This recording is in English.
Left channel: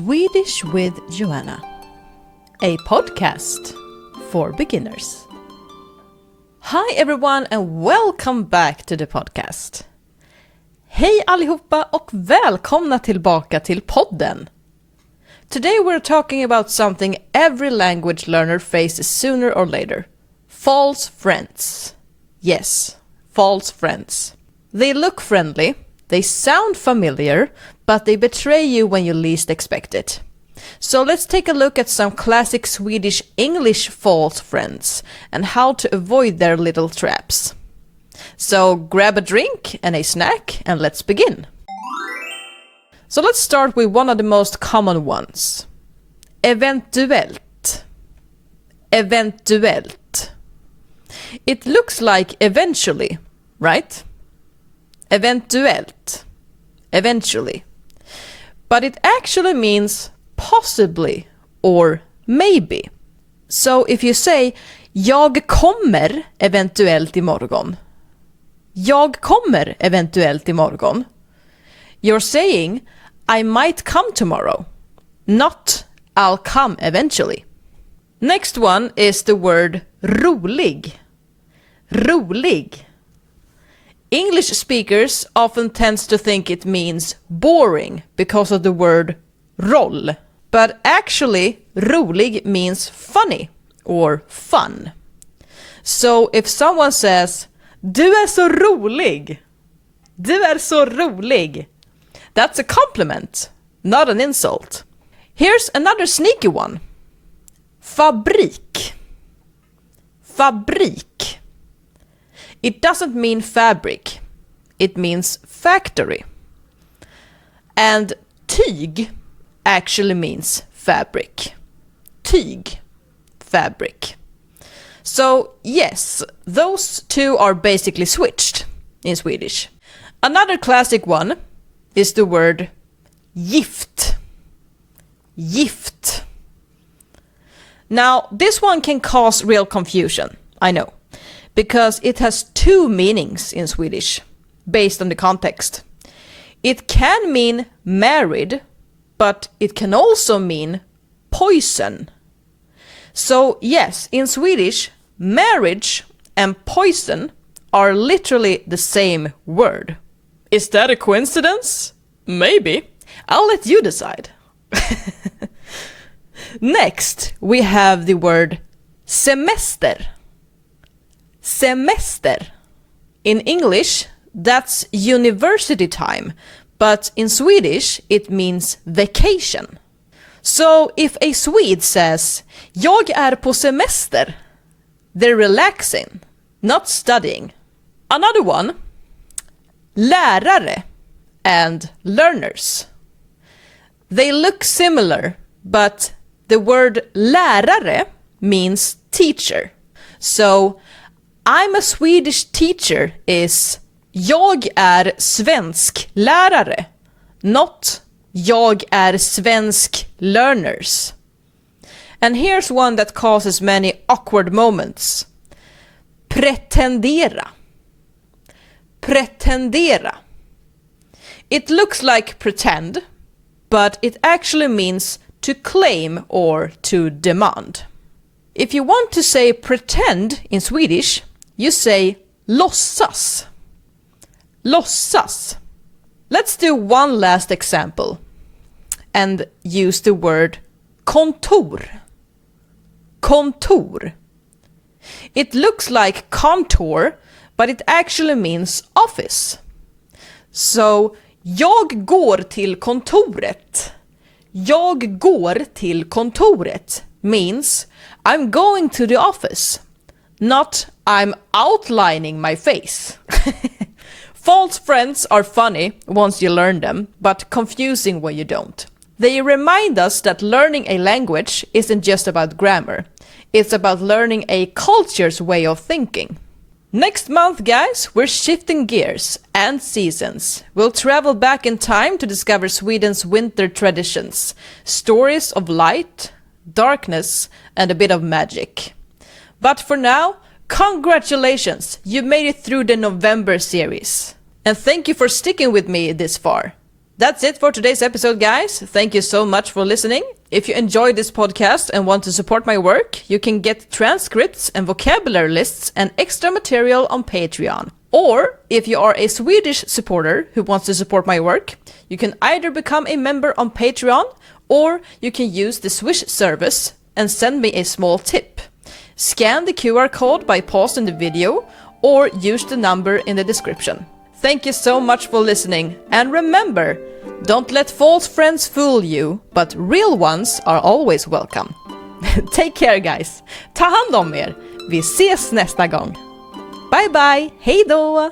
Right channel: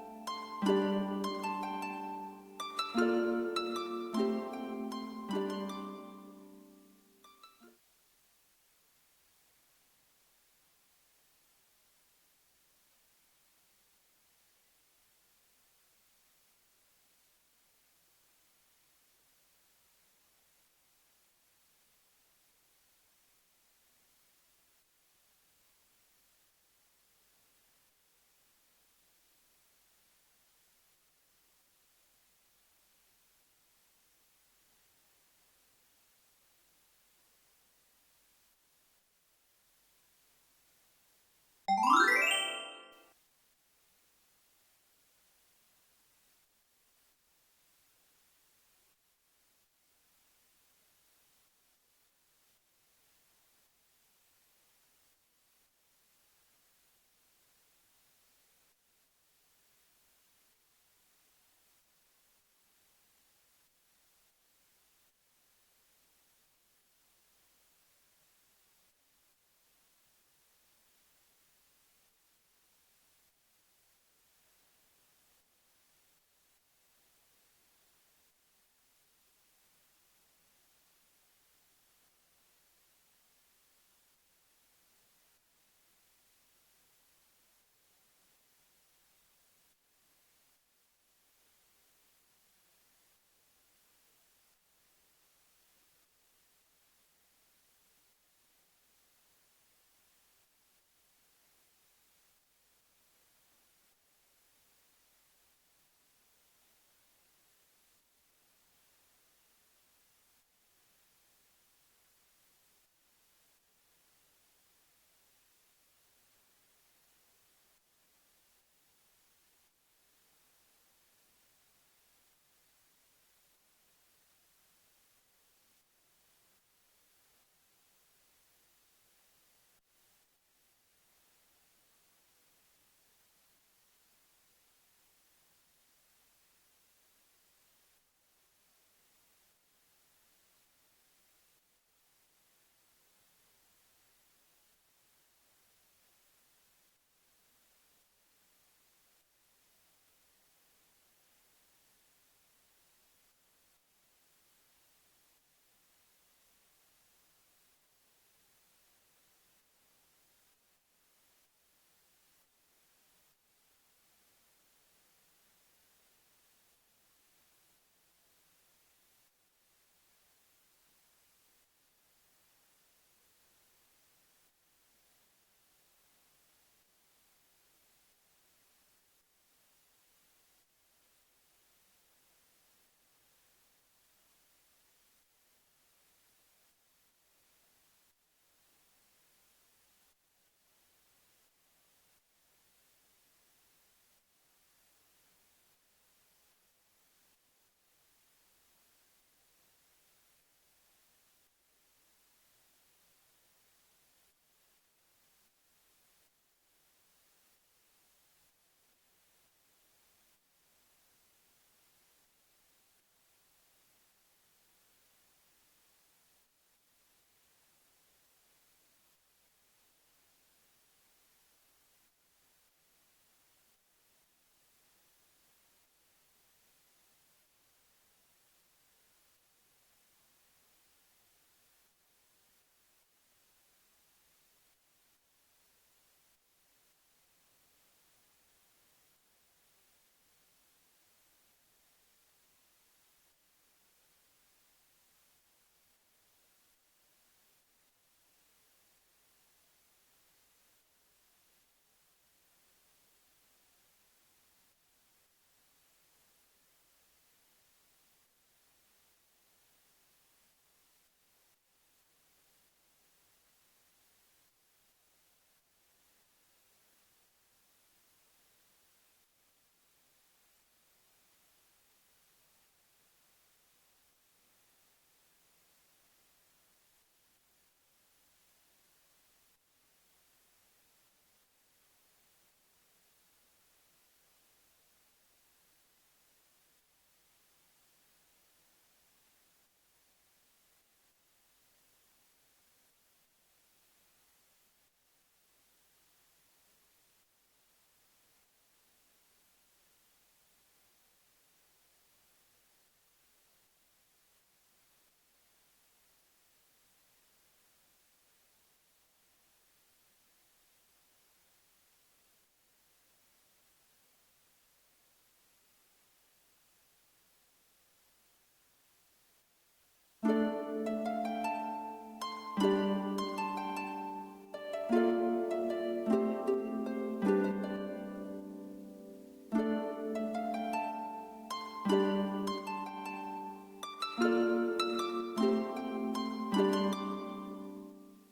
Swedish with Joanna, a podcast for beginners. Hi everyone and welcome back to the podcast. Hej allihopa och välkomna tillbaka till podden. Today we're talking about something every language learner faces sooner or later. False friends. Yes, false friends. They look friendly, they sound familiar, but they betray you when you least expect it. So let's take a look at some classic Swedish English false friends and how to avoid their little traps. So grab a drink and a snack and let's begin. So let's start with one of the most common ones. Eventuellt. Eventuellt. It looks like eventually, right? Eventuellt. Eventually. But it actually means possibly or maybe. So if you say jag kommer eventuellt imorgon. Jag kommer eventuellt imorgon. You're saying I might come tomorrow. Not I'll come eventually. Next one is the word rolig. Rolig. English speakers often tends to think it means boring because of the word roll. But actually, rolig means funny or fun. So if someone says, du är så rolig, du är så rolig, that's a compliment, not an insult. Here's another sneaky one. Fabrik. Fabrik. It doesn't mean fabric. It means factory. And tyg actually means fabric. Tyg. Fabric. So yes, those two are basically switched in Swedish. Another classic one is the word gift. Gift. Now, this one can cause real confusion, I know, because it has two meanings in Swedish, based on the context. It can mean married, but it can also mean poison. So yes, in Swedish, marriage and poison are literally the same word. Is that a coincidence? Maybe. I'll let you decide. Next, we have the word semester. Semester. In English, that's university time, but in Swedish, it means vacation. So if a Swede says, jag är på semester, they're relaxing, not studying. Another one, lärare and learners. They look similar, but the word lärare means teacher. So I'm a Swedish teacher is jag är svensk lärare, not jag är svensk learners. And here's one that causes many awkward moments. Pretendera. Pretendera. It looks like pretend, but it actually means to claim or to demand. If you want to say pretend in Swedish, you say låtsas. Låtsas. Let's do one last example and use the word kontor. Kontor. It looks like contour, but it actually means office. So, jag går till kontoret. Jag går till kontoret means I'm going to the office, not I'm outlining my face. False friends are funny once you learn them, but confusing when you don't. They remind us that learning a language isn't just about grammar. It's about learning a culture's way of thinking. Next month, guys, we're shifting gears and seasons. We'll travel back in time to discover Sweden's winter traditions, stories of light, darkness, and a bit of magic. But for now, congratulations! You made it through the November series. And thank you for sticking with me this far. That's it for today's episode, guys. Thank you so much for listening. If you enjoyed this podcast and want to support my work, you can get transcripts and vocabulary lists and extra material on Patreon. Or, if you are a Swedish supporter who wants to support my work, you can either become a member on Patreon, or you can use the Swish service and send me a small tip. Scan the QR code by pausing the video, or use the number in the description. Thank you so much for listening, and remember, don't let false friends fool you, but real ones are always welcome. Take care, guys. Ta hand om er. Vi ses nästa gång. Bye bye, hej då!